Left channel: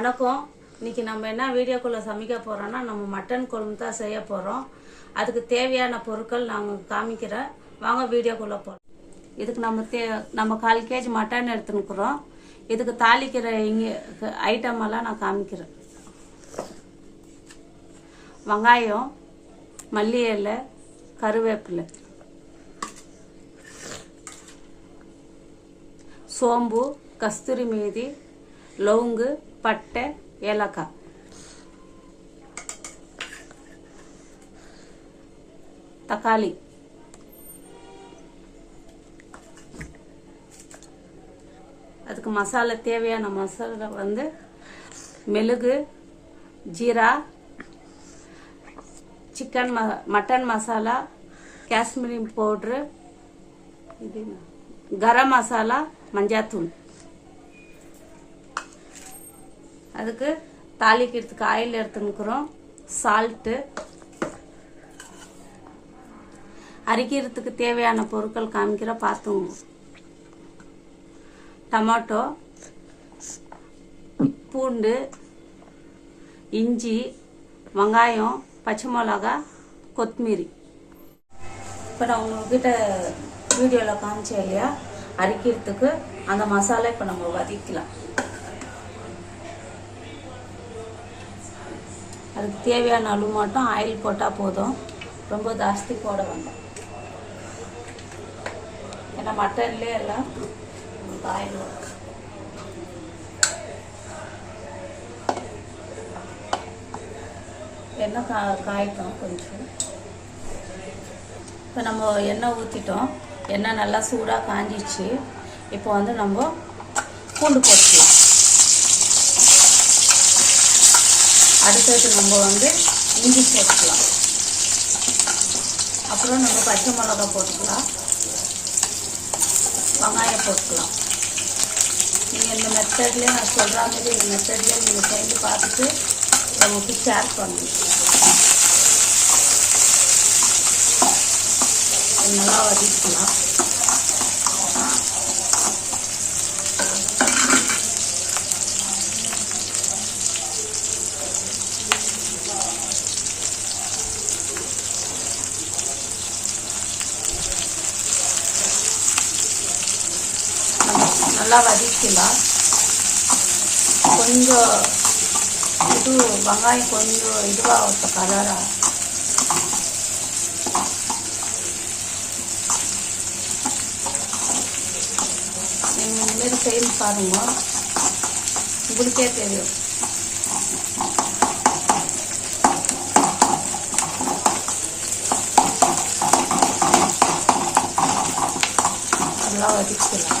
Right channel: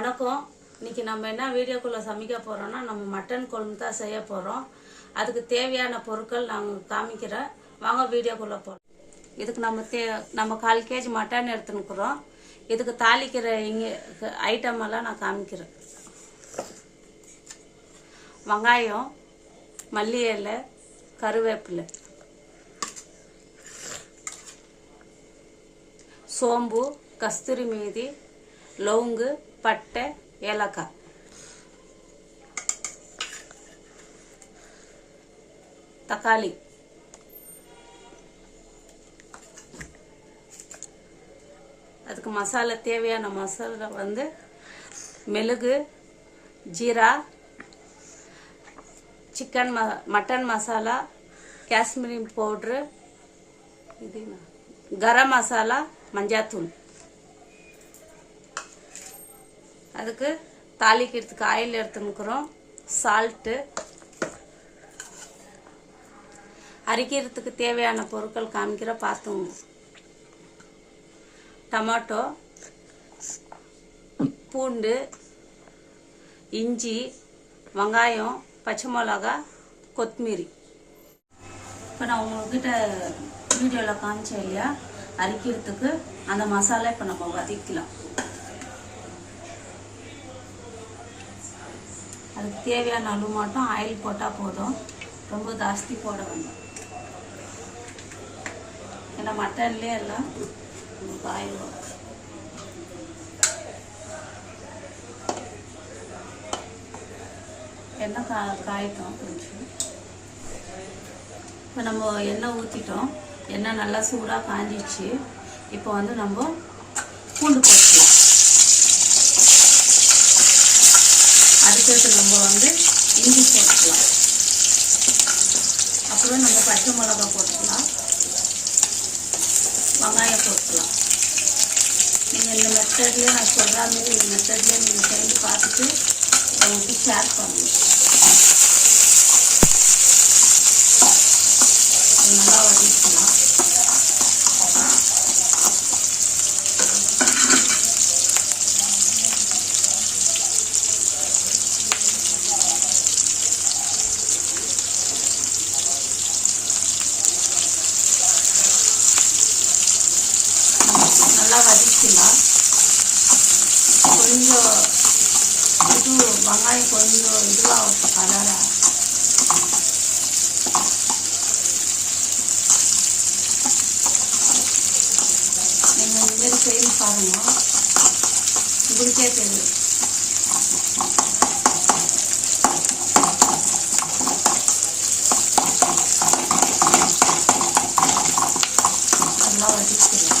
வணக்கம். இன்னைக்கு நம்ம என்ன வீடியோக்குள்ள சமைக்க போறோம்னா நம்ம மட்டன் குழம்பு தான் செய்ய போறோம். அதுக்கு தேவையான பொருட்கள் நாங்கள் காமிக்கிறேன். வாங்க வீடியோக்குள்ள போறோம். இதுக்கு நம்ம 1/4 kg மட்டன் எடுத்துனுக்குறோம். இதுக்கு தாளிக்கிற ஐட்டம் எல்லாம் நான் காமிக்கிறேன். வெங்காயம், மல்லி இலை, கருவேப்பிலை, சோம்பு, கஸ்தூரி மேதி, லவங்கு, பட்டை, ஏலக்காய். தக்காளி, அதுக்கு மசாலா தேவையான மசாலா வந்து மிளகு, ஜீரா, மட்டன் மசாலா, காஷ்மீரி பவுட்ரு, இது கரம் மசாலா, மஞ்சாத்தூள். அதுக்கு தாளிக்கிறதுக்கு ஆயில் எடுத்துனுக்குறோம். சால்ட்டு, அரைக்கிறதுக்கு தேவையான பொருட்கள் காமிக்கிற பார்த்துங்க. டமாட்டோ, பூண்டு, இஞ்சி, வெங்காயம், பச்சை மிளகா, கொத்தமல்லி. இப்போ நான் உங்ககிட்ட வீடியோவில் காமிச்சேன் இல்லையா, அரைக்கிறதுக்கு அந்த மசாலா இப்போ நம்ம வதக்கலாம். அதுக்கு தேவையான அளவு மட்டும் ஆயில் போட்டால் போதும், ரொம்ப ஜாஸ்தி போட வேண்டாம். ஏன்னா மட்டன்லேயே எல்லாம் ஆயில் வரும். எண்ணெய் காய்க்கணும் கொஞ்சம். இப்போ நம்ம எண்ணெய் ஊற்றிட்டோம். எண்ணெய் நல்லா சூடாக காஞ்சிச்சு. இப்போ வந்து நம்ம பூண்டு போட்டுக்கலாம். அடுத்தது நம்ம வந்து இஞ்சி போட்டுக்கலாம். அப்புறம் நம்ம பச்சை மிளகா போட்டுக்கலாம், வெங்காயம் போட்டுக்கலாம். நீங்கள் இந்த மெத்தட்லேயே நான் சொல்கிற மாதிரி இந்த மெத்தட்லேயே நீங்கள் செஞ்சு பார்த்துட்டு உங்களுக்கு ஷேர் பண்ணுங்க. நல்லா வதக்கலாம். நல்லா வதக்கலாம். கொஞ்சம் இது வெங்காயம் கொஞ்சம் இதுவாக கலராக நீங்கள் இனிமேல் செய்து பாருங்க, உங்களுக்கே தெரியும். நல்லா வதக்கலாம்.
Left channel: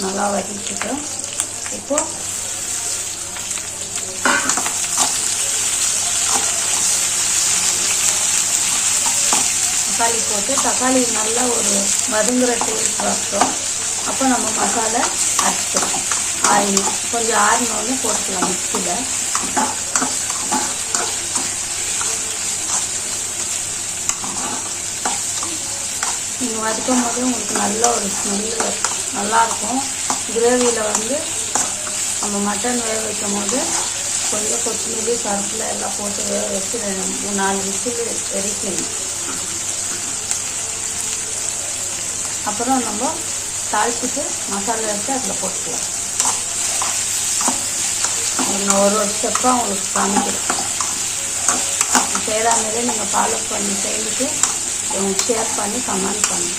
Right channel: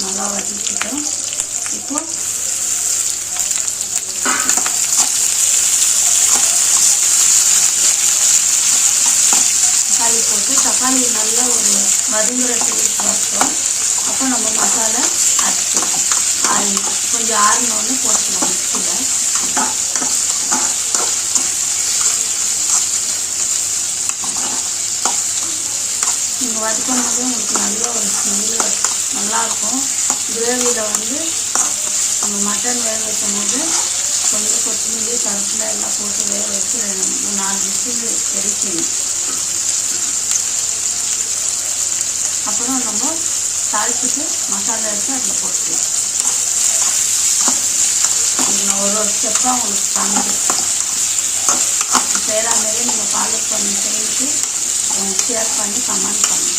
நல்லா வதக்கிட்டோம். இப்போ தக்காளி போட்டு தக்காளி நல்லா ஒரு வதங்குற டேஸ்ட் வச்சோம். அப்போ நம்ம மசாலா அரைச்சிக்கலாம். ஆயில் கொஞ்சம் ஆறினோன்னு போட்டுக்கலாம் மிக்சியில். நீங்கள் வதக்கும் போது உங்களுக்கு நல்ல ஒரு ஸ்மெல்லு நல்லாயிருக்கும். கிரேவியில் வந்து நம்ம மட்டன் வேக வைக்கும் போது கொஞ்சம் கொத்தமல்லி, கருவேப்பிலை எல்லாம் போட்டு வேக வச்சு 3-4 விசில் எரிக்கணும். அப்புறம் நம்ம தாளிச்சுட்டு மசாலா வச்சு அதில் போட்டுக்கலாம். நான் ஒரு ஸ்டெப்பாக உங்களுக்கு காமிக்கிறேன். செய்கிற மாதிரியே நீங்கள் ஃபாலோ பண்ணி செய்துட்டு எனக்கு ஷேர் பண்ணி கமெண்ட் பண்ணுங்க.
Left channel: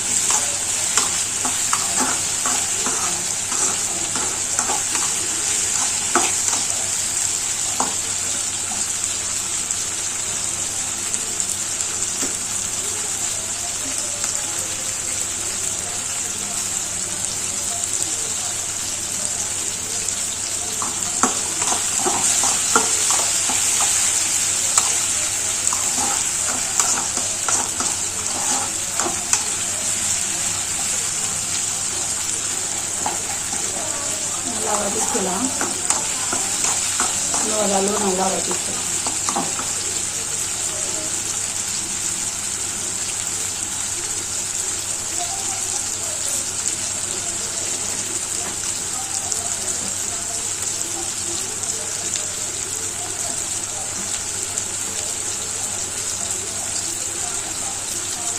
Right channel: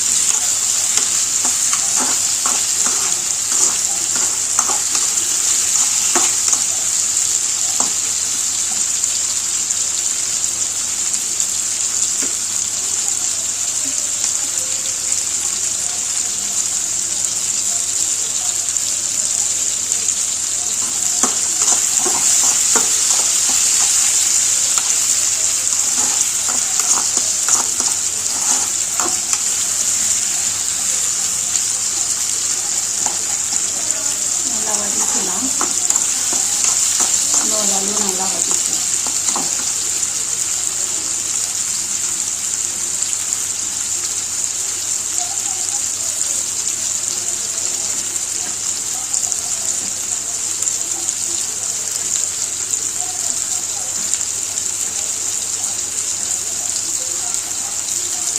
ஓரளவு நல்லா வதக்கிக்கலாம்.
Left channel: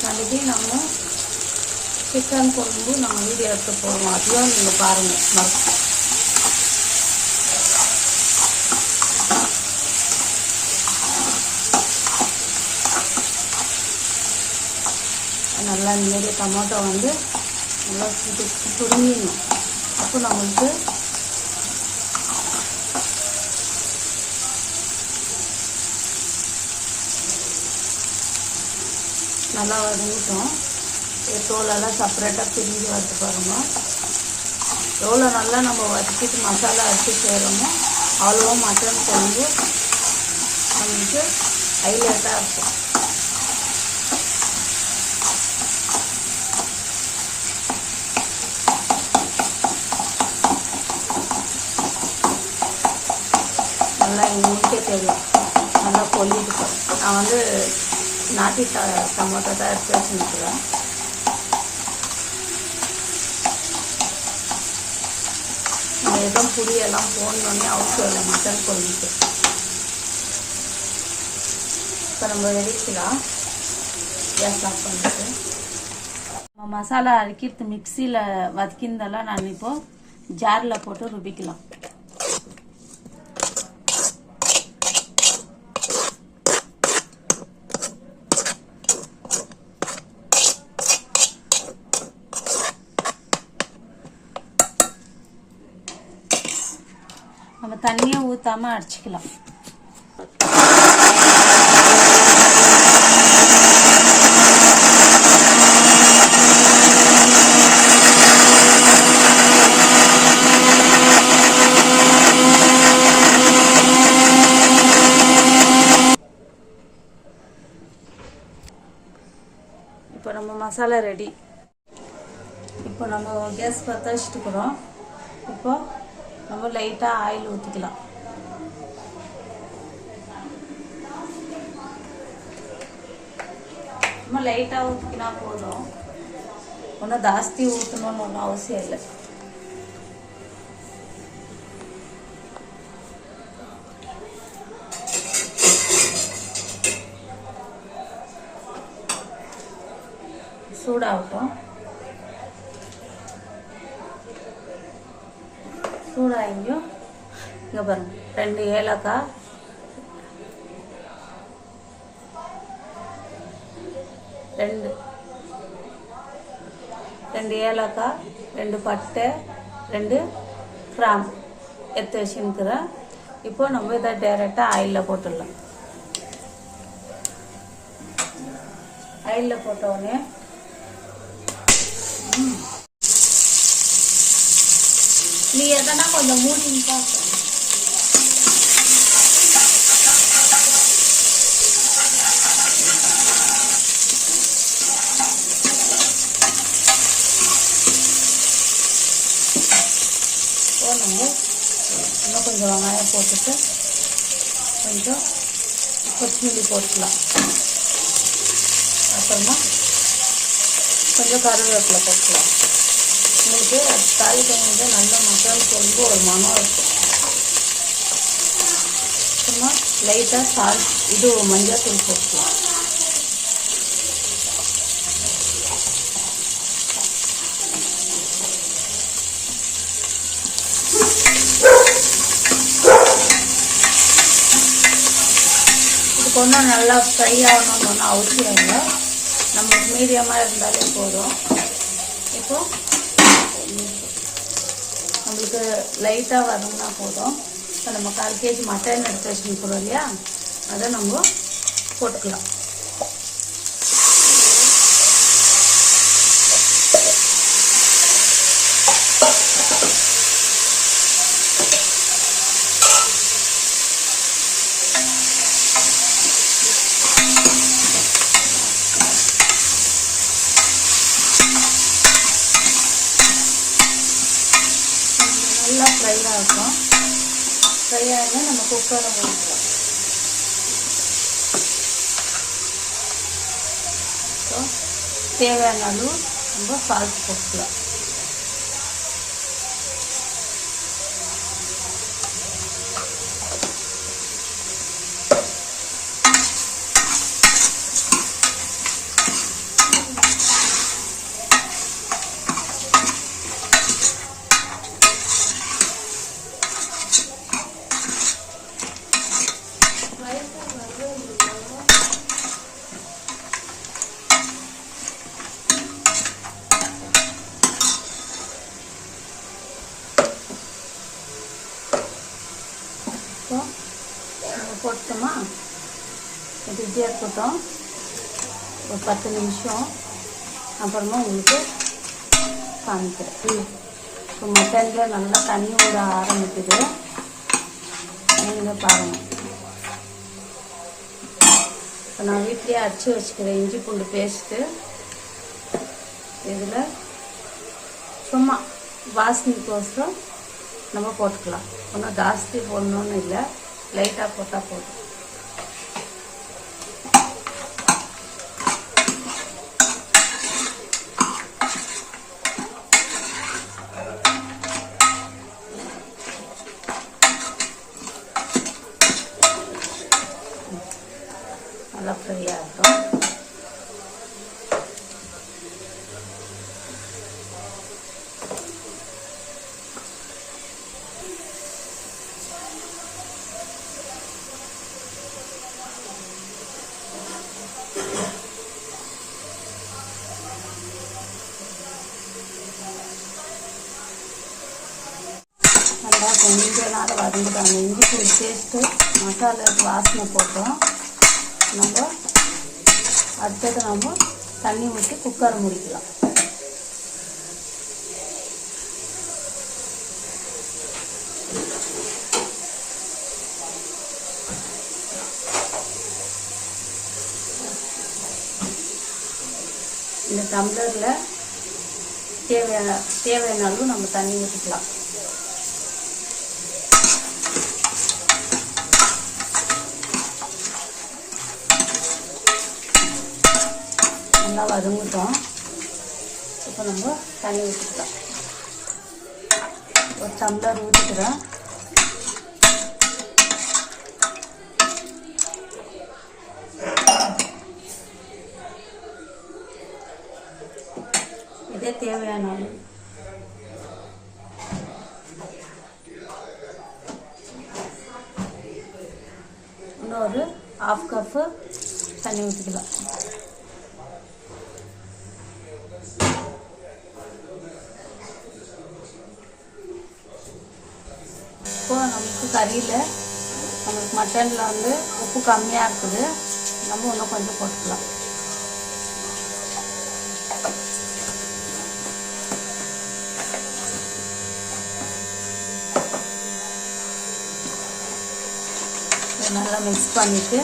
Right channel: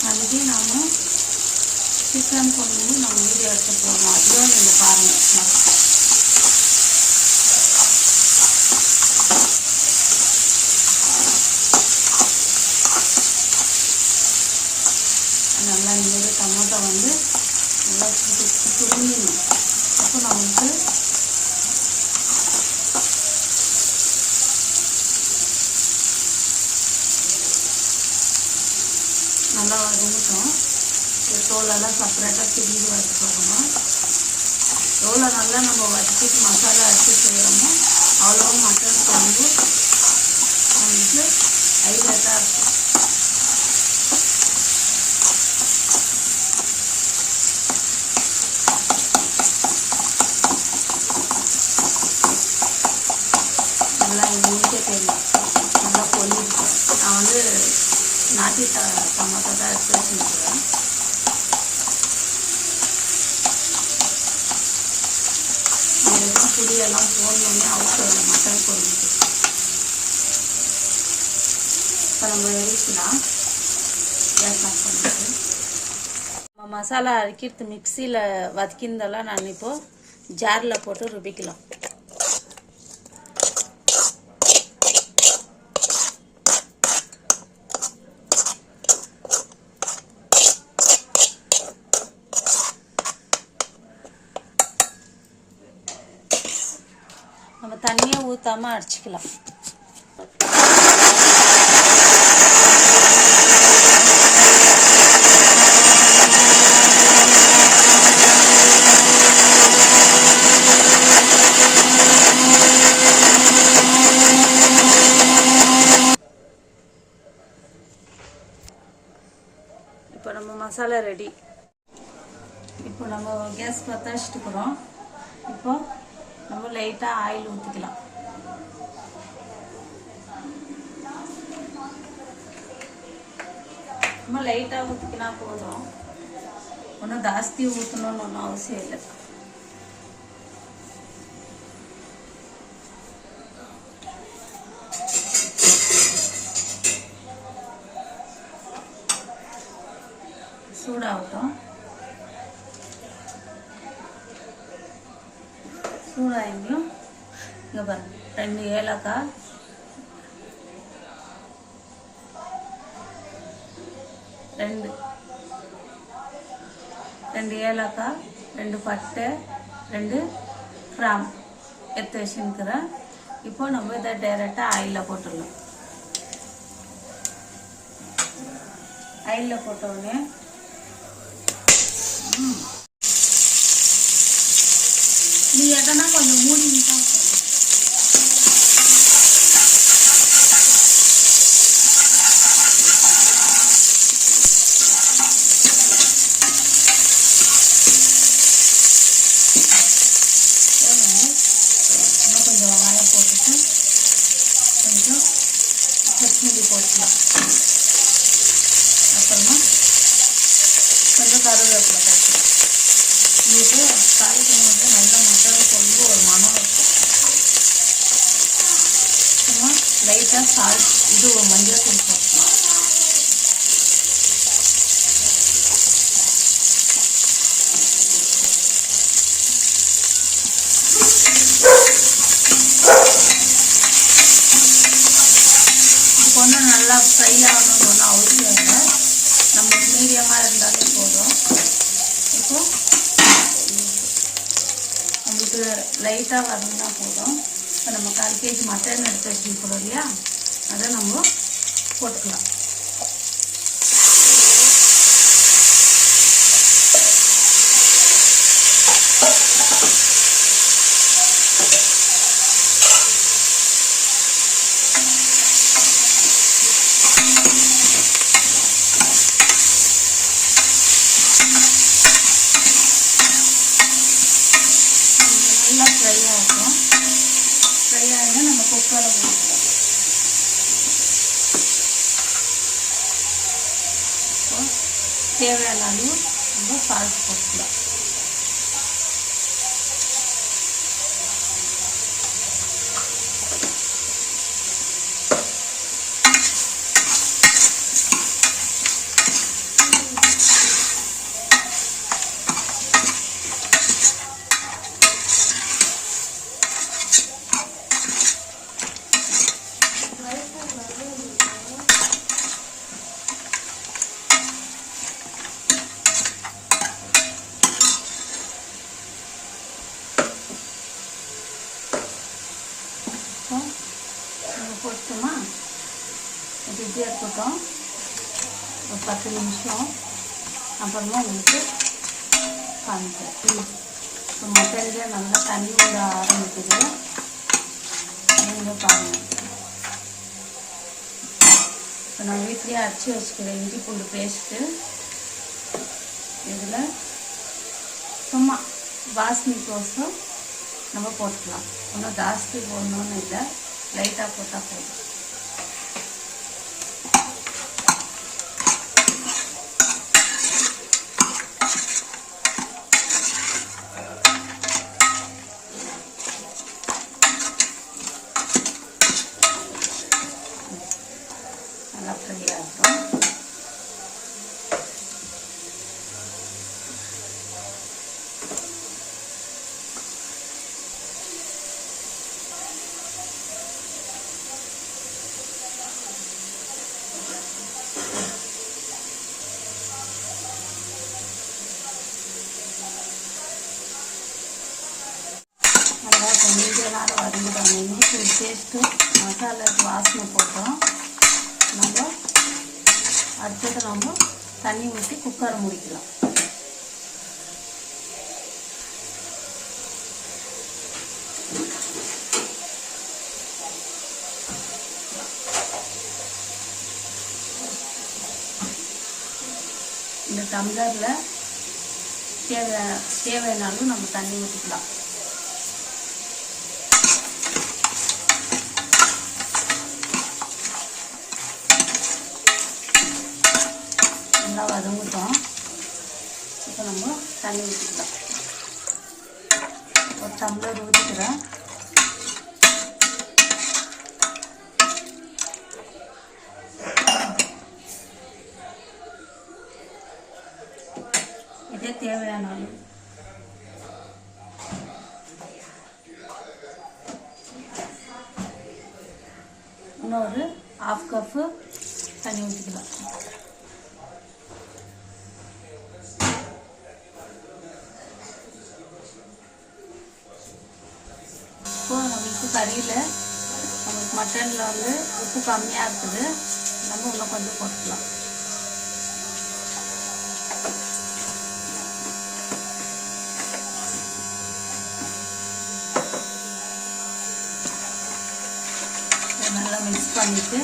நாளைக்கு நம்ம சிக்கன் குழம்பு நம்ம வீடியோ எடுத்து போடுறோம். அப்படியும் நீங்கள் பாருங்கள். நல்லா இந்த மாதிரி டொமேட்டோ வந்து நல்லா துருங்கிடணும். அப்போ நம்மளுக்கு நல்லா வதங்கிட்டேன். தோலெல்லாம் செப்பரேட்டாக பிரிஞ்சு வறுத்து பாருங்க. எவ்வளோ நல்லா நம்ம வதக்கிட்டு மசாலா எடுத்து செய்கிறோமோ அவ்வளோ மட்டன் குழம்பு நம்மளுக்கு ஹைலைட்டாக இருக்கும். நல்லா உங்களுக்கே தெரியும், நல்லா கொல்லிட்டு. நான் வந்து நாட்டி டொமேட்டோ தான் எடுத்து செஞ்சுருவேன். எதுவும் புளியெல்லாம் ஃபோன் பண்ணி அவசியம் மட்டன் குழம்புக்கு. இப்போ நம்ம எரிக்கலாம். கேஸ் ஆஃப் பண்ணிட்டு நம்ம மசாலா அரைக்கிறது மிக்சியில் வதக்கிந்தெல்லாம் நான் இப்போது ஜாரில் போட்டு ருபிக்கலாம். நம்ம தண்ணியை ஊற்றாமல் அடிச்சுக்கலாம். இப்போ நம்ம மசாலா ரெடி. இப்போ நம்ம கேஸ் பற்ற வச்சுட்டுக்கிறோம். இப்போ நம்ம லைட்டாக ஆயில் ஊற்றிக்கலாம். நம்ம லைட்டாக ஊற்றிக்கினா போதும். ஒன்றும் ஜாஸ்தி ஊற்றணும்னு ஒன்றும் அவசியம் இல்லை. சூடாகட்டும். சூடாகியும் இங்கே பாருங்க, 2 ஏலக்காய், 2 ஏலக்காய், 2 பட்டை, 2 கிராம்பு எடுத்து வச்சுருக்கிறேன். இப்போ நம்ம இதை டைரெக்டாக ஆயிலில் போட்டுடலாம். ஆயிலில் போட்ட உடனே நீ எதனா கொஞ்சம் மூடி பார்க்க. இன்னும் கொஞ்சம் வெங்காயம் போட்டுட்டு கொஞ்சம் கொத்தமல்லி போட்டுக்கலாம். அப்புறமா கொஞ்சம் கருவேப்பிலை போட்டுக்கலாம். உங்களுக்கு காய் குழம்பு நல்ல மசாலா குழம்பு ஒரு மனம் இருக்கும். சும்மா லைட்டாக சால்ட் இது மஞ்சள் தூள் போட்டுக்கலாம். இது கொஞ்சம் நல்லா ஃப்ரை ஆகணும்னு ஒன்றும் அவசியம் இல்லை. நம்ம மீடியமாக இருந்தாலே போதும். இப்போ நம்மளுக்கு லைட்டாக வரணும்னா போதும். இப்போ நம்ம 1/4 kg மட்டன் எடுத்து வச்சுக்கிறோம் இல்லையா, அதை நம்ம போட்டுக்கலாம். நல்லா ஃப்ரை ஆகும். ஃப்ரை ஆகினா நம்ம குக்கரை ஊற்றிக்கலாம். தேவையான அளவு நம்ம சால்ட் போட்டுக்கலாம். போட்டோமா, இப்படியே இருக்கட்டும் ஒரு 10 நிமிஷம். அப்புறமா உங்களுக்கு காமிக்கிறேன். இப்போ மட்டனில் நல்லா தண்ணி விட ஆரம்பிக்குது. நீங்கள் பாருங்கள். இப்போ நான் வீட்லேயே அரைச்சி வச்சுக்கிறேன் இஞ்சி பூண்டு பேஸ்ட்டு. இதில் சும்மா வாசனைக்கோசம் நம்ம போட்டுக்கலாம். ஒன்றும் ஜாஸ்தி போடணும்னு இல்லை, லைட்டாக போட்டால் போதும். நல்லா ஃப்ரை ஆகும். நல்லா கொஞ்ச நேரம் வதங்கிட்டாங்க. இஞ்சி பூண்டு பேஸ்ட்டு மசாலாவுக்கு வாசனை போட்டோம். நம்ம அடுத்தது நம்ம தண்ணி ஊற்றி குக்கரை முடிக்கலாம். இந்த டம்ளரில் தேவையான அளவு நம்ம தண்ணி ஊற்றிக்கலாம். நல்லா வதங்கிட்டோம். இப்போ நம்ம தண்ணி ஊற்றிக்கலாம். ஒரு டம்ளர் ஊற்றிக்கிறேன். இதே தேவையான அளவு. இன்னொரு 1/2 கப்பு தண்ணி ஊற்றிக்கலாம். நமக்கு கறியில் நமக்கு மட்டனில் வந்து உப்பு கம்மியாக இருக்குது. நம்ம இன்னும் கொஞ்சம் போட்டுக்கலாம். நல்லா மிக்ஸ் பண்ணிவிட்டு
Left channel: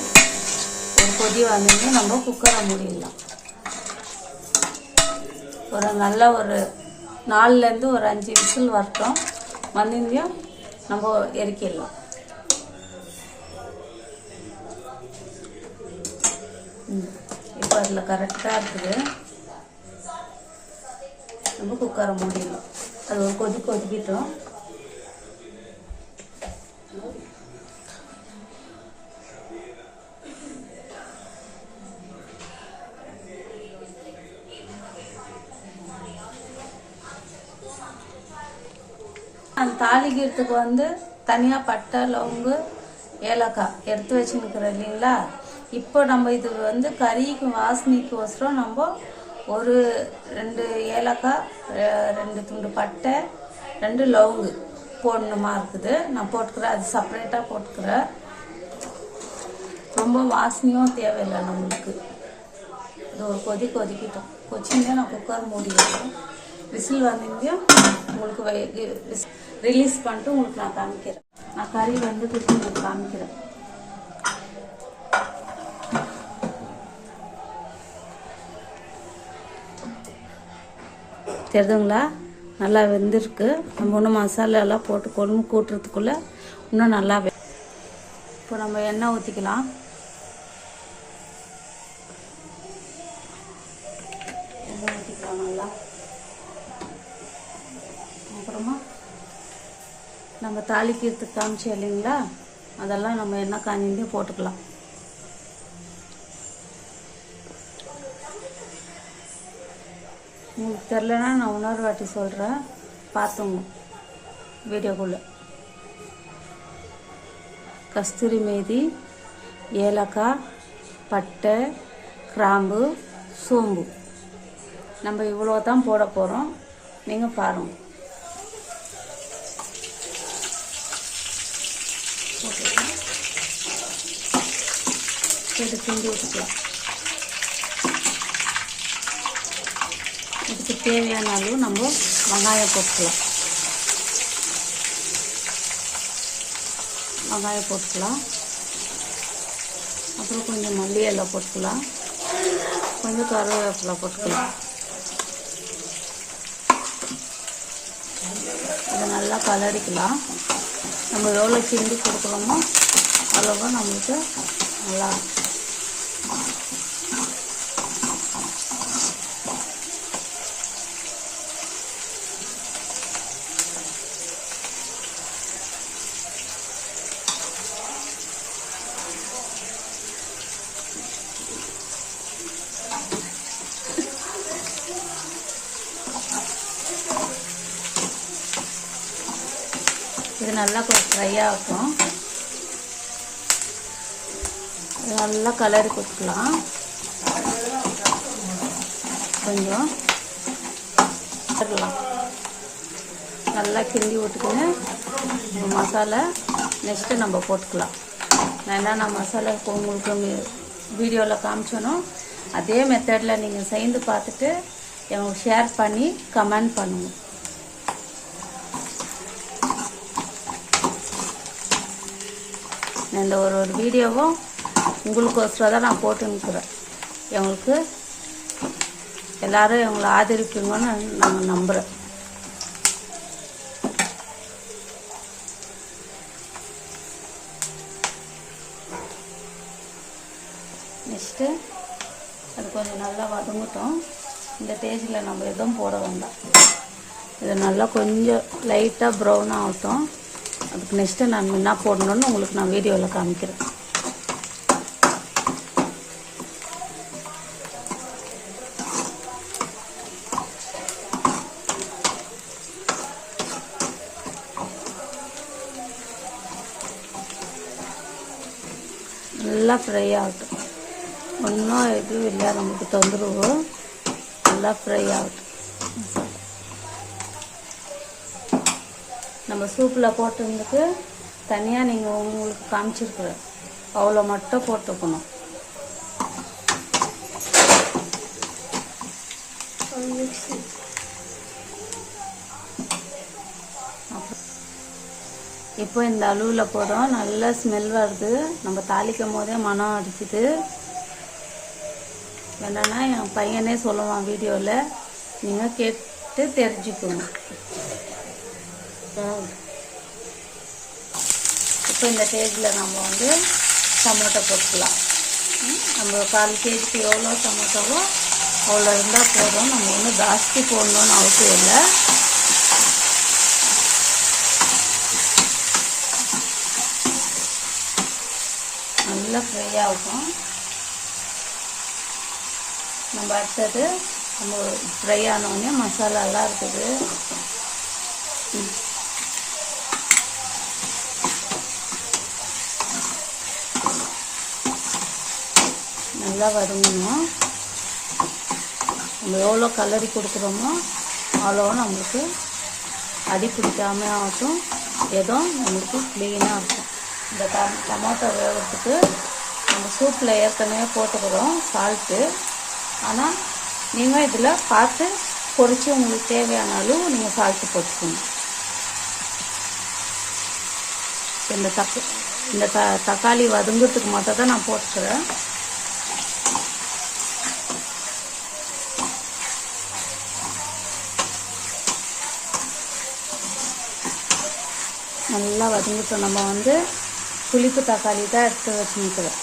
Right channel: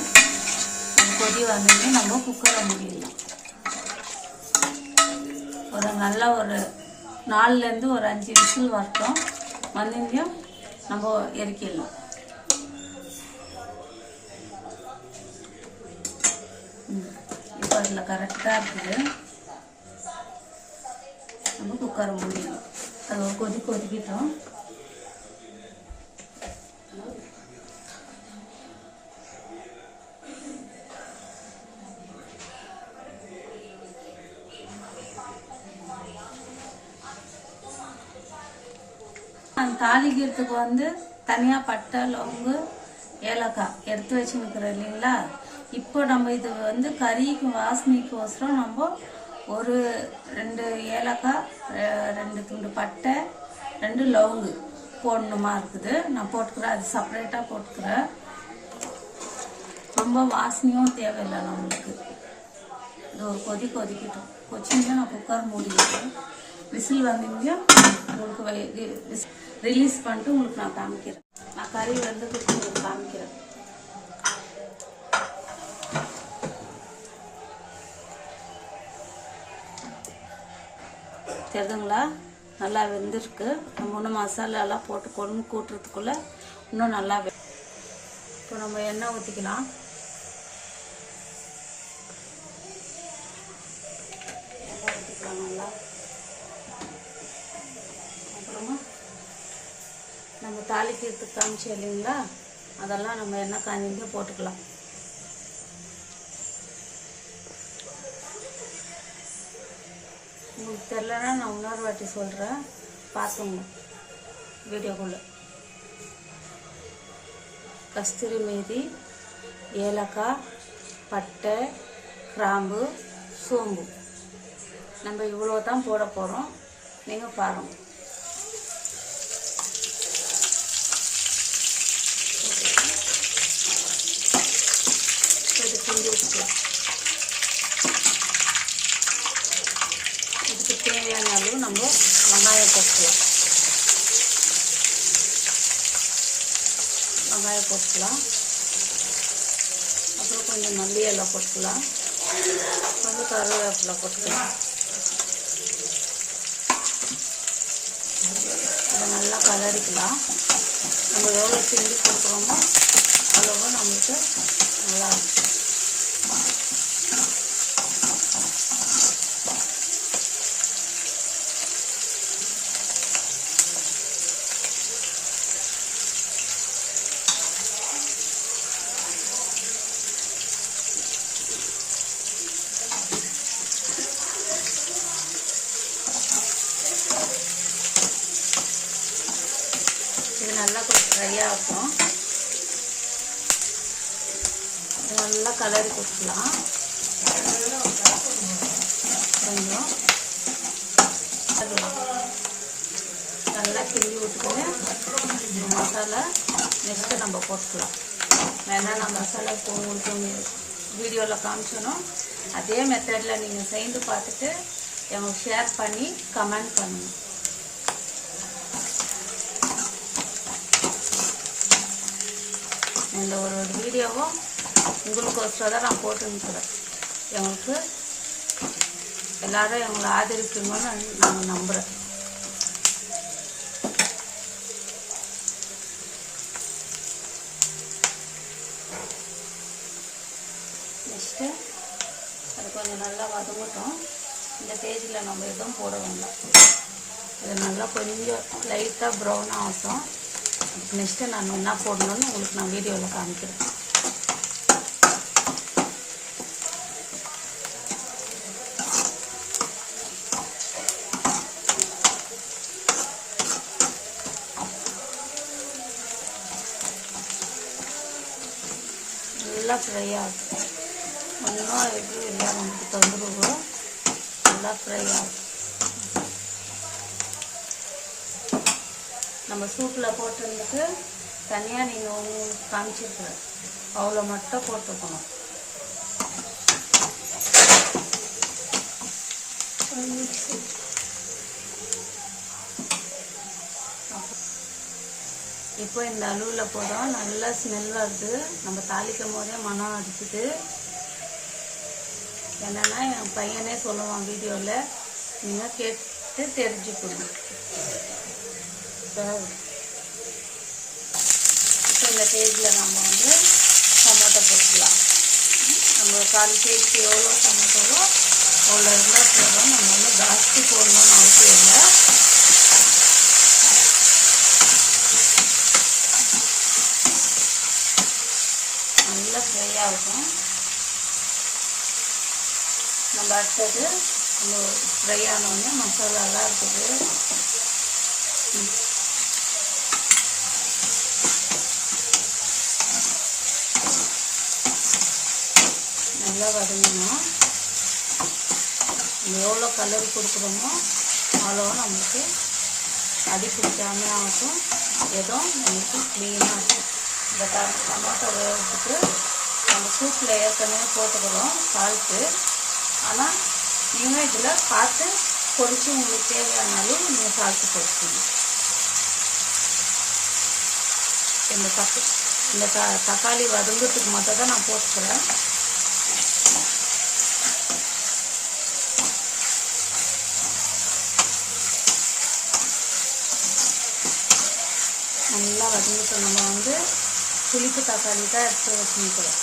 ஒரு கொதி வந்து நம்ம குக்கரை மூடிடலாம். நல்ல ஒரு 4லேருந்து ஒரு 5 விசில் வரட்டும். வந்தீங்க நம்ம இறக்கிடலாம். இப்போ அதில் கரெக்டாக இருக்குது. நம்ம குக்கரை மூடிடலாம். அது ஒரு கொதிக்கிட்டோம். தாளிக்கிறதுக்கு வந்து தனியாக பட்டை லவங்கு ஏலக்காய் எடுத்து வச்சுருக்குறோம் இல்லைங்களா. இப்போ நம்ம இது வந்து கறிக்கு வாசனைக்கோசரம் நம்ம ஒரு 2 ஏலக்காய், 2 துண்டு பட்டை, 2 லவங்கு போடணுமா இருக்குது. நான் போட்டுக்கிறேன். அது செப்பரேட்டாக போட்டுக்கிறேன். ரொம்ப வாசனையும் தேவையில்லை நம்மளுக்கு. கொதிக்கிட்டோம். கொச்சிங்க நான் குக்கர் மூடிக்கிறேன். விசில் வந்தீங்க உங்களுக்கு ரிலீஸ் பண்ணிட்டு உங்களுக்கு நான் காமிக்கிறேன். நான் கறி வந்து உங்களுக்கு காமிக்கிறேன். தெரியுதுங்களா? நல்லா வெந்திருக்கு. நம்ம ஒன்றும் மசாலாலாம் போட்டு கொழும்பு கூட்டுறதுக்குள்ளே இன்னும் நல்லா. இப்போ நம்ம எண்ணெய் ஊற்றிக்கலாம். எண்ணெய் ஊற்றிக்கலாம் நல்லா. அப்புறமா நம்ம தாளிக்கிறதுக்கு காமிச்சு இல்லைங்களா, அதெல்லாம் நம்ம எண்ணெய் காஞ்சிட்டு போட்டுக்கலாம். உங்களுக்கு தெரிலனா நான் இன்னொரு வாட்டி சொல்கிறேன், பார்த்துங்க வீடியோக்குள்ளே. கஸ்தூரி மேதி, ஏலக்காய், பட்டை, கிராம்பு, சோம்பு நம்ம இவ்வளோ தான் போட போகிறோம். நீங்கள் பாருங்கள். இது கிண்டி வச்சுக்கலாம். இதுக்கு தேவையான அளவு நம்ம வெங்காயம் போட்டுக்கலாம். வெங்காயம் போட்டுக்கலாம். அப்புறம் கொஞ்சம் மல்லி இலை போட்டுக்கலாம். கொஞ்சம் கருவேப்பிலை போட்டுக்கலாம். இதை நல்லா கலரிக்கலாம். நம்ம எவ்வளோ கிண்டி கொடுக்குறோமோ அவ்வளோ நம்மளுக்கு நல்லா இது நல்லா கொஞ்சம் ஃப்ரையாக இருக்கும். நல்லா கலரி கொடுக்கலாம். கொஞ்சம் நல்லா கிண்டி விட்டுக்கின்னு மசாலா நெக்ஸ்ட்டு நம்ம போட்டுக்கலாம். நான் என்னென்ன மசாலா உங்களுக்கு வீடியோவில் காமிச்சோனோ அதே மெத்தடில் நீங்கள் செய்து பார்த்துட்டு எங்களுக்கு ஷேர் பண்ணி கமெண்ட் பண்ணுங்கள். இந்த ஒரு வீடியோவும் உங்களுக்கோசரம் தான் நான் போட்டுக்கிறேன். எங்களுக்கு எல்லாரும் எங்களை ஆதரிப்பீங்கன்னு நான் நம்புகிறேன். நெக்ஸ்ட்டு அது கொஞ்சம் நல்லா வதங்கட்டும். இந்த ஸ்டேஜில் நம்ம எதுவும் போட வேண்டாம். இது நல்லா கொஞ்சம் லைட்டாக ப்ரௌன் ஆகட்டும். அதுக்கு நெக்ஸ்ட்டு நான் என்ன போடணுன்னு உங்களுக்கு நான் வீடியோவில் காமிக்கிறேன். நல்லா ஃப்ரை ஆகும். ஒன்றும் எதுவும் இல்லை, நமக்கு தொந்தரவு. நல்லா ஃப்ரை ஆகும். நம்ம சூப்பில் போட்டுறதுக்கு தனியாக நீங்கள் உங்களுக்கு காமிச்சிருக்குறேன், அவ்வளோ மட்டும் போட்டுக்கணும். இப்போ இந்த அளவில் போதும். நல்ல ஸ்மெல் வருது. நம்ம தாளிக்கும் போதே மனம் அடிச்சுது. என்னன்னா என் பையனே சொல்லுவான் வீடியோவில், நீங்கள் கேட்டு தெரிஞ்சுக்கணும். இப்போ இந்த ஸ்டேஜில் நம்ம வந்து டொமேட்டோ போட்டுக்கலாம். நம்ம 1/4 கேஜிக்கு எவ்வளோ டொமேட்டோவோ அவ்வளோ இருந்தால் போதும். நம்ம வந்து ஜாஸ்தி போடணும்னு அவசியம் இல்லை. நல்லா ஃப்ரை ஆகும். நம்ம அடுத்தது நம்ம ஃப்ரை ஆனோடனே மசாலாலாம் இருக்குது. நல்லா வதங்கணும். நம்ம எவ்வளோ கலரி கொடுக்குறோமோ அவ்வளோ நம்மளுக்கு அடி பிடிக்காம ஆகும். ஏதோ நம்மளுக்கு க்ளீனாக இருக்கும். இந்த டொமேட்டோ வேகிறதுக்கு நம்ம சூப்பில் ஏற்கனவே போட்டுக்கிறோம் சால்ட்டு. ஆனால் நீங்கள் இதில் பார்த்து பொரித்து உங்களுக்கு தேவையான அளவு நீங்கள் சால்ட்டு போட்டுக்கணும். இந்த தக்காளி வதங்கிறதுக்கு மட்டும் தான் நான் போட்டுக்கிறேன். நல்லா வதங்கிட்டு நம்ம வந்து புளிப்பு தக்காளி தான் எடுத்து வச்சுக்கிறோம்.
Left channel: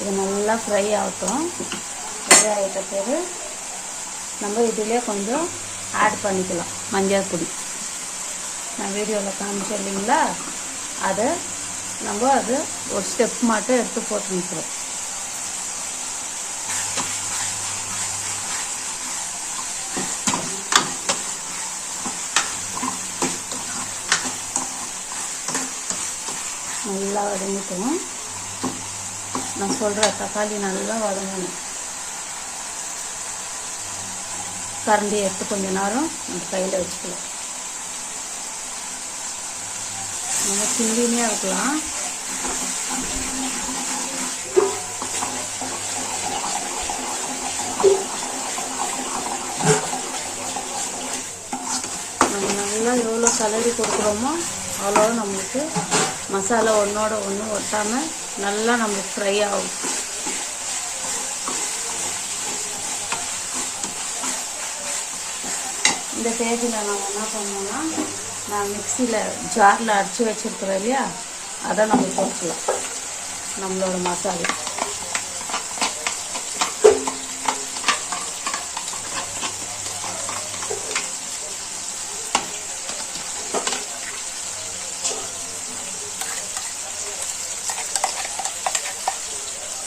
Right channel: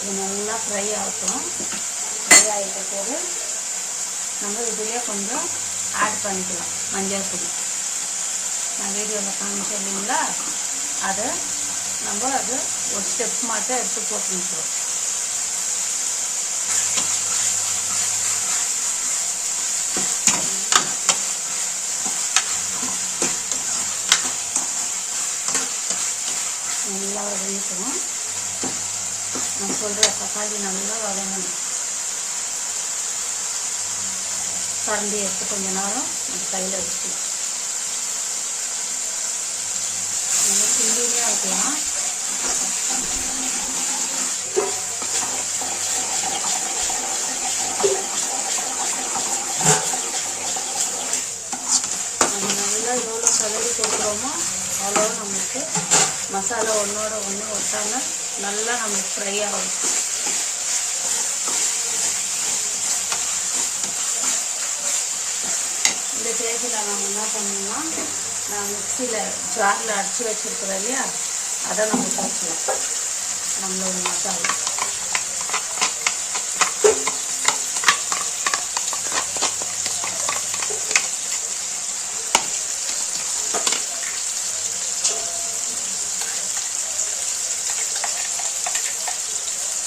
இது நல்லா ஃப்ரை ஆகட்டும். ஃப்ரை ஆகிட்ட பிறகு நம்ம இதிலே கொஞ்சம் ஆட் பண்ணிக்கலாம் மஞ்சள் பொடி. நான் வீடியோவில் காமிச்சேன் இல்லைங்களா, அதை நம்ம அது ஒரு ஸ்டெப் மட்டும் எடுத்து போட்டுக்கிறோம். நல்லா வதங்கிட்டோம். நான் சொல்கிற தக்காளி நல்லா வதங்கணும். கரண்டி எடுத்து கொஞ்ச நேரம் கையில் வச்சுக்கலாம். நல்லா கிண்டினே இருக்கலாம். நம்ம நல்லா எவ்வளோ கலரி கொடுக்குறோமோ அவ்வளோ நம்மளுக்கு மசாலா ஒன்றோட ஒன்று ஒட்டாமல் நல்லா நம்மளுக்கு ஃப்ரை ஆகும். இந்த ஸ்டேஜில் நம்ம என்ன பண்ணோம்னா, நான் மிக்சியில் ஜாரில் அடித்து வச்சுருக்கிறோம் இல்லையா, அதை நம்ம போட்டுக்கலாம். நம்மளோட மசாலா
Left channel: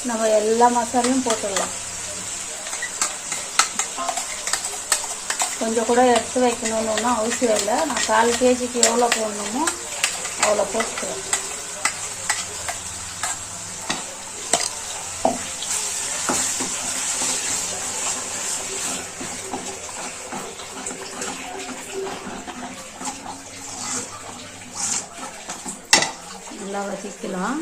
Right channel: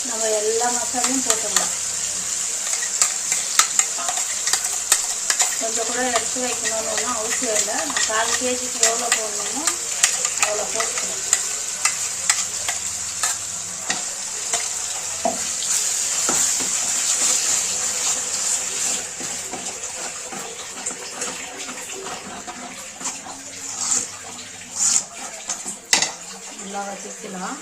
நம்ம எல்லா மசாலையும் போட்டுடலாம். கொஞ்சம் கூட எடுத்து வைக்கணும்னு ஒன்றும் அவசியம் இல்லை. நான் 4 கேஜிக்கு எவ்வளோ போடணுமோ அவ்வளோ போட்டுக்கிறேன். நல்லா வதக்கலாம்.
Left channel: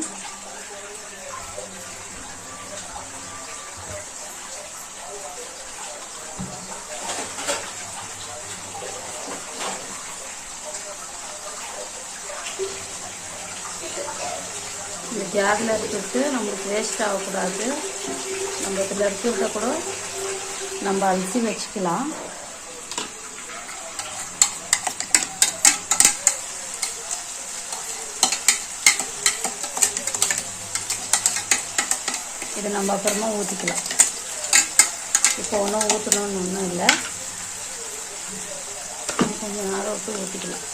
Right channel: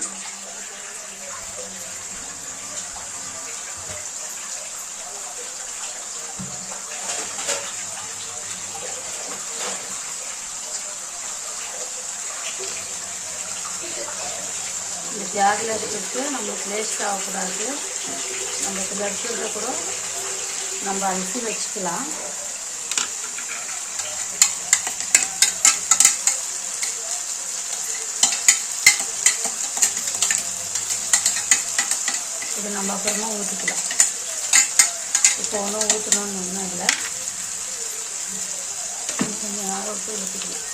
இந்த ஜாரில் எடுத்துட்டு நம்மளுக்கு வேஸ்ட் ஆகக்கூடாது. நம்ம இதில் எடுத்துக்கிட்ட கூட நம்ம அரிசி வச்சுக்கலாம். இது நம்ம அப்புறமா ஊற்றிக்கலாம். இப்போ ஒன்றும் ஊற்றணும்னு ஒன்றும் இல்லை. கொஞ்சம் நேரம் விட்டு ஊற்றிக்கலாம்.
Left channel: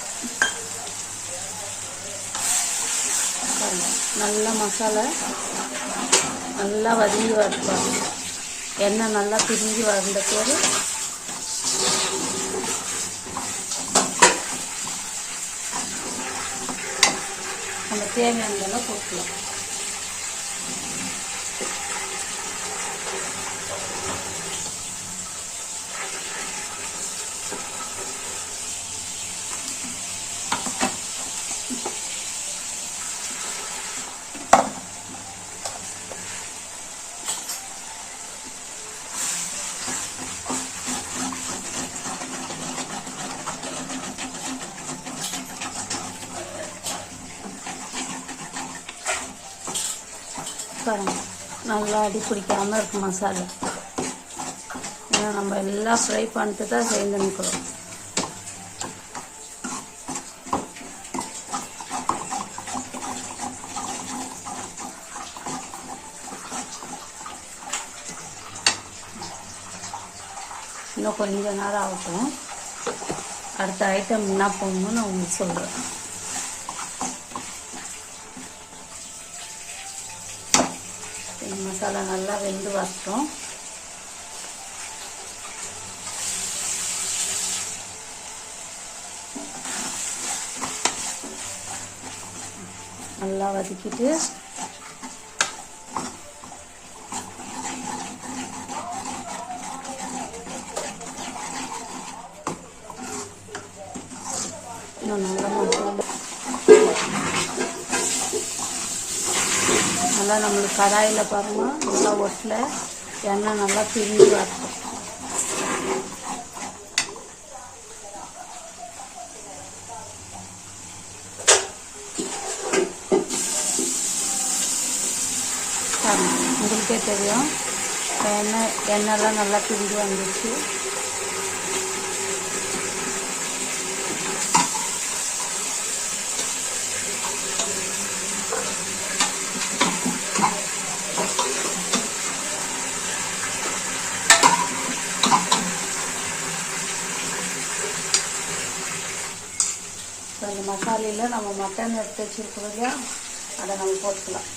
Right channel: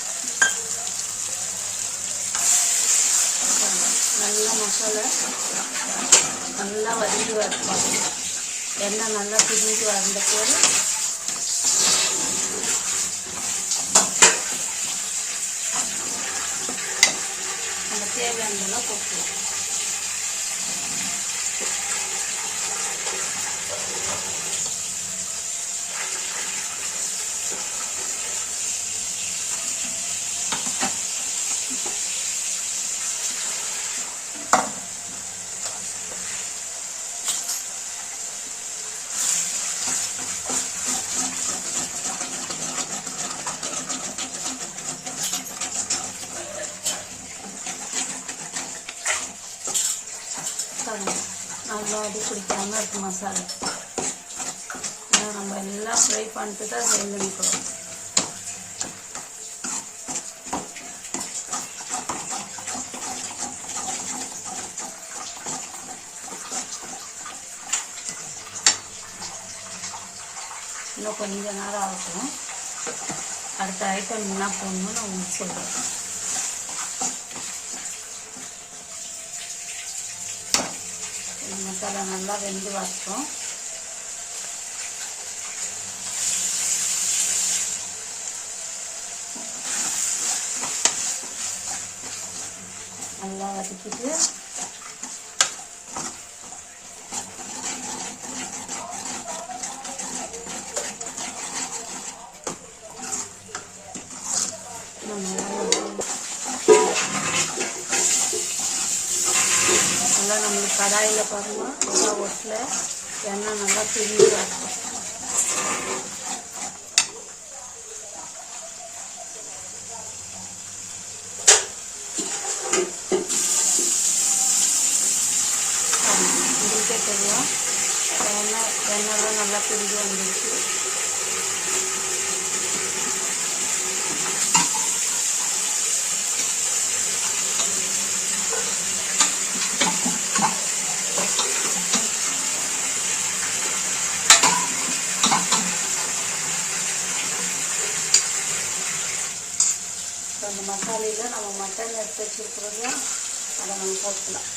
நல்லா மசாலா நல்லா வதங்கி வரப்பாங்க. எண்ணெய் நல்லா பிரிஞ்சு வந்த பேர் நம்ம தேவையானதெல்லாம் போட்டுக்கலாம். நல்லா அடி பிடிக்காமல் இருக்கும் மசாலா. ஏன்னா நம்ம எல்லாம் ஃப்ரை பண்ணிட்டு தான் சேர்ந்து நிற்கிறோம். இன்னும் கொஞ்ச நேரம் ஆகும். அடுத்த ஐட்டம் என்ன போடணும்னு நான் உங்களுக்கு சொல்கிறேன். மசாலா நல்லா வெந்து வரட்டும். நல்லா வதக்கிட்டு நல்லா நம்மளுக்கு கடாயில் பாருங்கள், நல்லா ஒட்டில் எண்ணெய் நல்லா பிரிஞ்சு வரணும். உங்களுக்கே தெரியும் எண்ணெய் எண்ணெய்லாம் நல்லா பிரிஞ்சு வந்துடுச்சு. அந்த மசாலையில் நம்ம மட்டன் எடுத்து வச்சுருக்கிறோம், அதை நம்ம போட்டுக்கலாம்.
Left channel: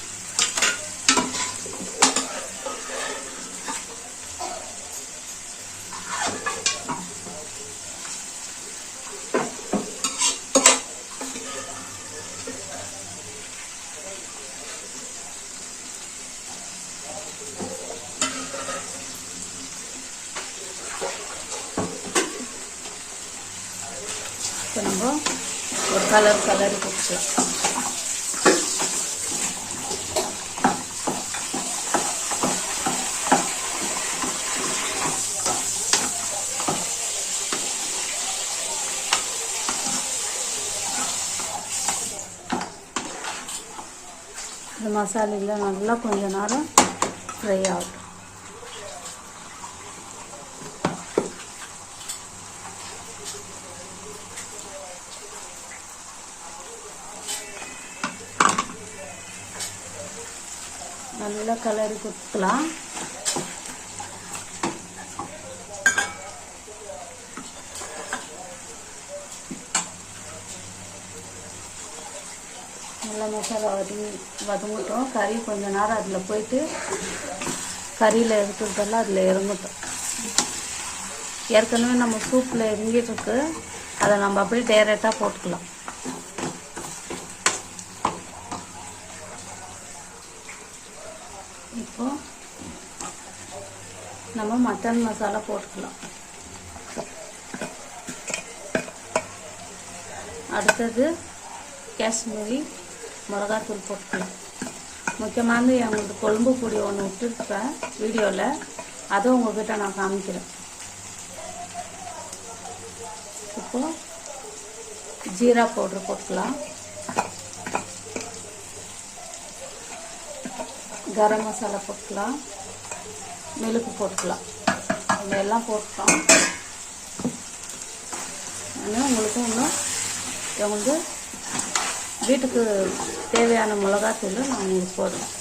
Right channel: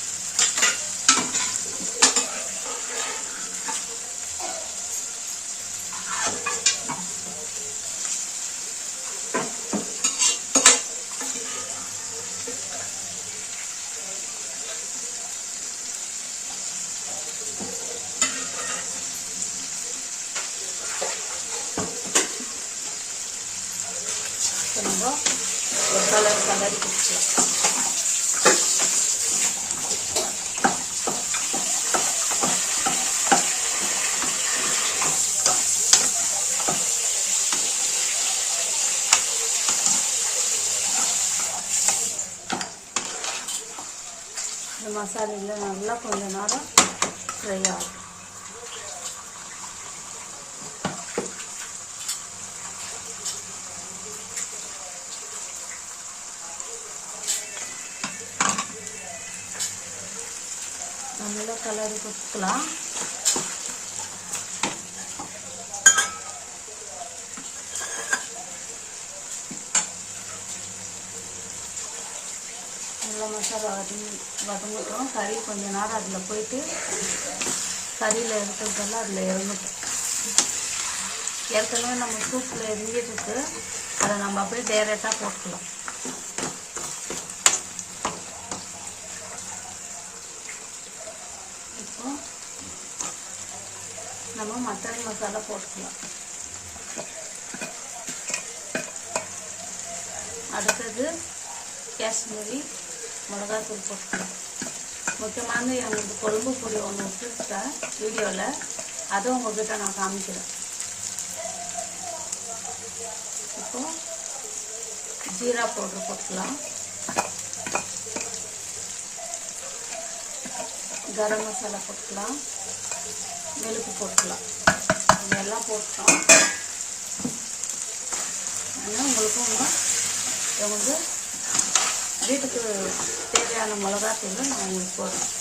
கொஞ்சம் ஒரு கலர் கொடுத்துக்கலாம். இந்த மசாலையில் நல்லா கொஞ்ச நேரம் ஃப்ரை ஆகும். நல்லா கலரி கொடுத்துக்கலாம். நல்லா மசாலா வதங்கிட்டோம். கறி கொஞ்ச நேரம் அதில் போயிட்டு கறியில் இருக்கிறதெல்லாம் அதில் இறங்கிட்டோம். ஏற்கனவே நம்ம சூப்பில் இறங்கிட்டு அதை நம்ம அப்படியே டைரெக்டாக போட்டுக்கலாம். இப்போ நம்ம மட்டன் மசாலா போட்டுக்கலாம். அடுத்தது காஷ்மீரி மிளகாத்தூள் போட்டுக்கலாம். முக்கியமான எங்களுக்கு கொழும்பு பொடி ஒன்று விட்டுருக்கேன் வீடியோவில், அதுவும் உங்ககிட்ட நான் காமிக்கிறேன். இப்போ ஜீரா பவுடர் போட்டுக்கலாம். கரம் மசாலா போட்டுக்கலாம். மிளகு போட்டுக்கலாம். இதெல்லாம் போட்டுக்கலாம். உங்களுக்கும் வந்து வீட்டுக்கு தேவையான மிளகாத்தூள் நான் உங்களுக்கு போடுறேன்.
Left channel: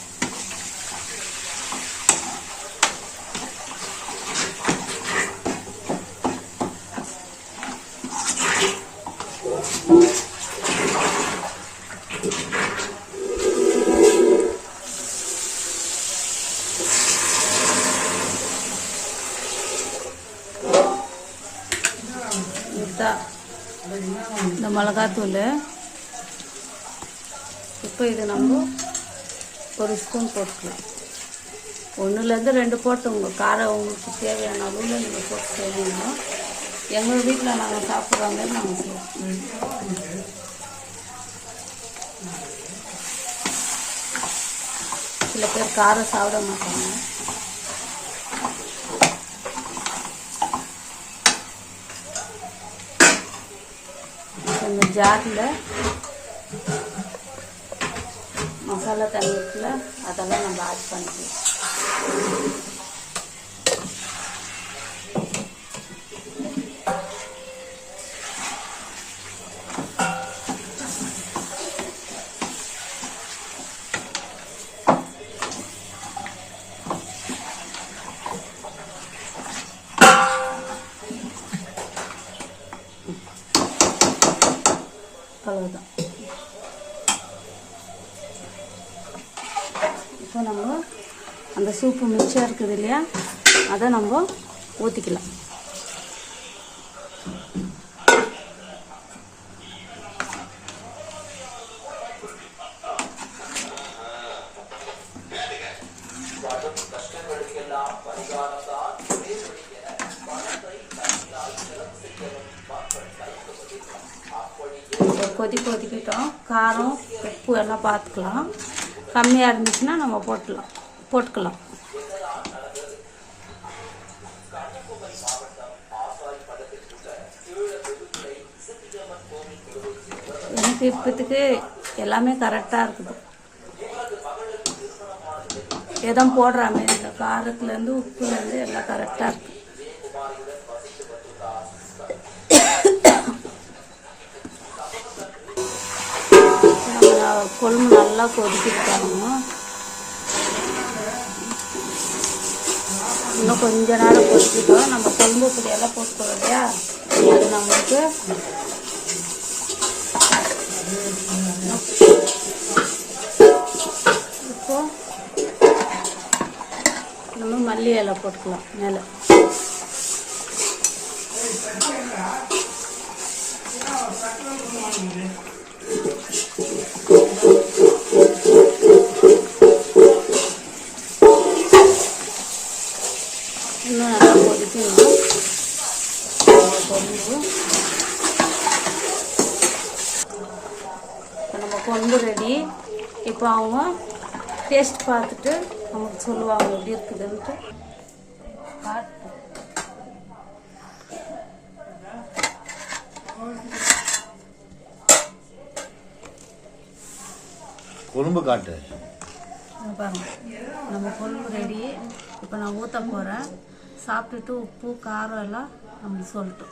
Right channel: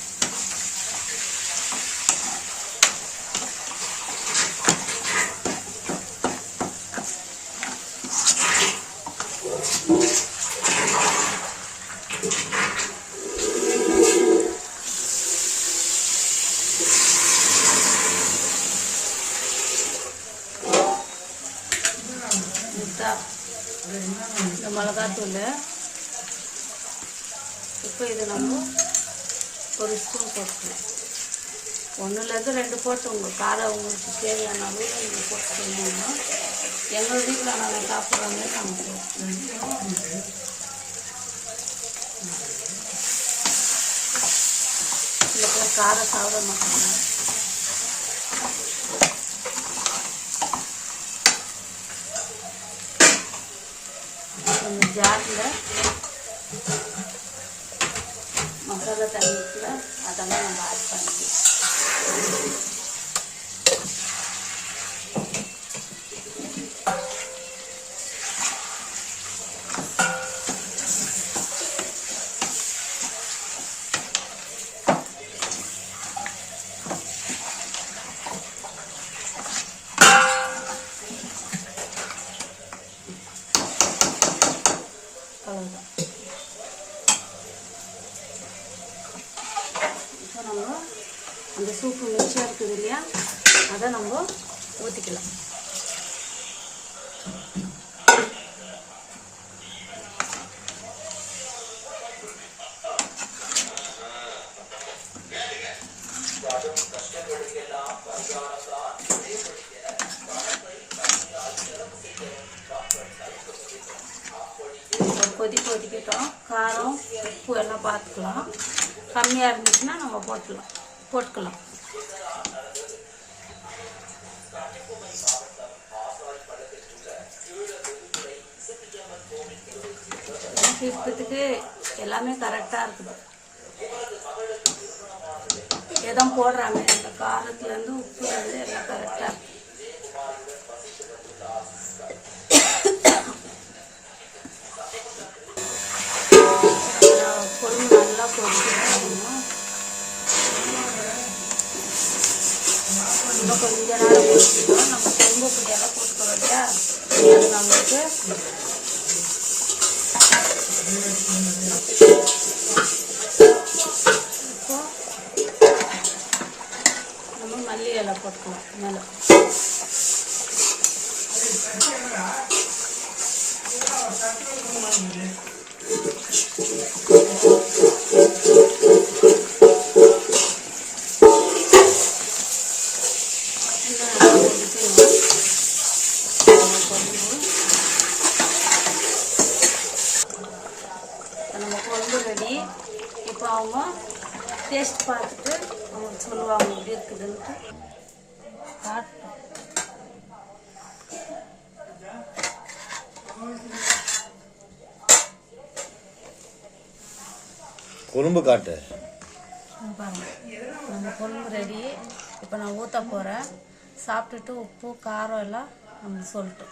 இந்த மிளகாத்தூள் இப்போ இது நம்ம ஒரு ஸ்பூன் போட்டுக்கலாம். 1லேருந்து 2 போட்டு உங்கள் காரம் உங்களுக்கு தேவையான அளவில் நீங்கள் போட்டு செய்யணும். எங்கள் வீட்டில் நாங்கள் சாப்பிட்றாங்க நாங்கள் சில பேர் காரம் சாப்பிட மாட்டாங்க. இந்த ஜாரில் மசாலா தண்ணி இருக்குல்ல, அதெல்லாம் நம்ம ஆட் பண்ணிக்கலாம். அவ்வளோதான். இப்போ நம்ம அந்த சூப்பு மிக்ஸாக இருக்குது இல்லையா, அதை நம்ம ஊற்றிக்கலாம். கொதிக்கிட்டோம். காரம் உப்பு எல்லாம் பார்த்துக்கலாம். கம்மியாக இருந்துச்சுன்னா நம்ம போட்டுக்கலாம். எனக்கு இப்போத்துக்கு எல்லாமே கரெக்டாக இருக்குது. எதுவும் போடுறாங்க காரத்துலேருந்து உப்புலேருந்து எல்லாம் கரெக்டாக இருக்கு. குழம்பு நல்லா கொதிக்கிட்டாங்க. இன்னும் கொஞ்ச நேரம் கொதிக்கிட்டோம். நம்ம குழம்பு பொடியெல்லாம் போட்டுக்கிறோம் இல்லையா, அது நம்மளுக்கு இப்போ நம்ம மல்லி இலை போட்டுக்கலாம் மேலே. இன்னும் நல்லா கொதிக்கணும். நம்ம குழம்பு ரெடி. இப்போ அவங்க டேஸ்ட் பார்த்துட்டு அவங்க சொல்லுவாங்க எப்படி இருக்குதுன்ட்டு. காட்டும் குழம்பு காட்டு. பாருங்க, நம்ம குழம்பு ரெடி. இப்போ நான் ஊற்ற போகிறேன். சாப்பிட்டுட்டு உப்பு காரம் எல்லாம் நம்மளுக்கு சொல்லிட்டு.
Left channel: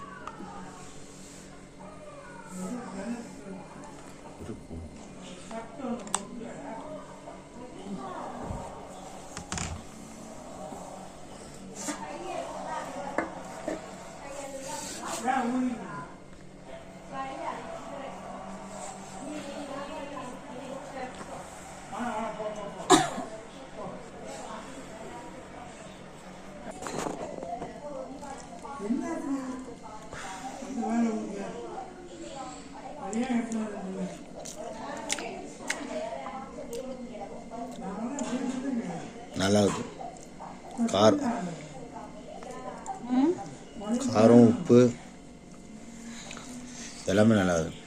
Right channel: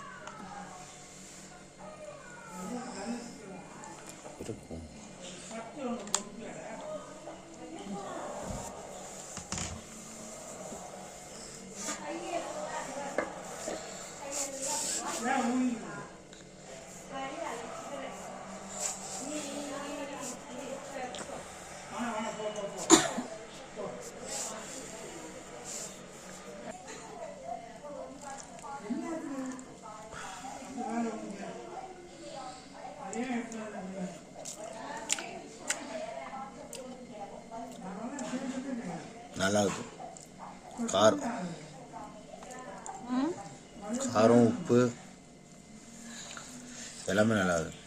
நல்லா இருக்கு. காரம் உப்பு எல்லாமே நல்லா இருக்கு.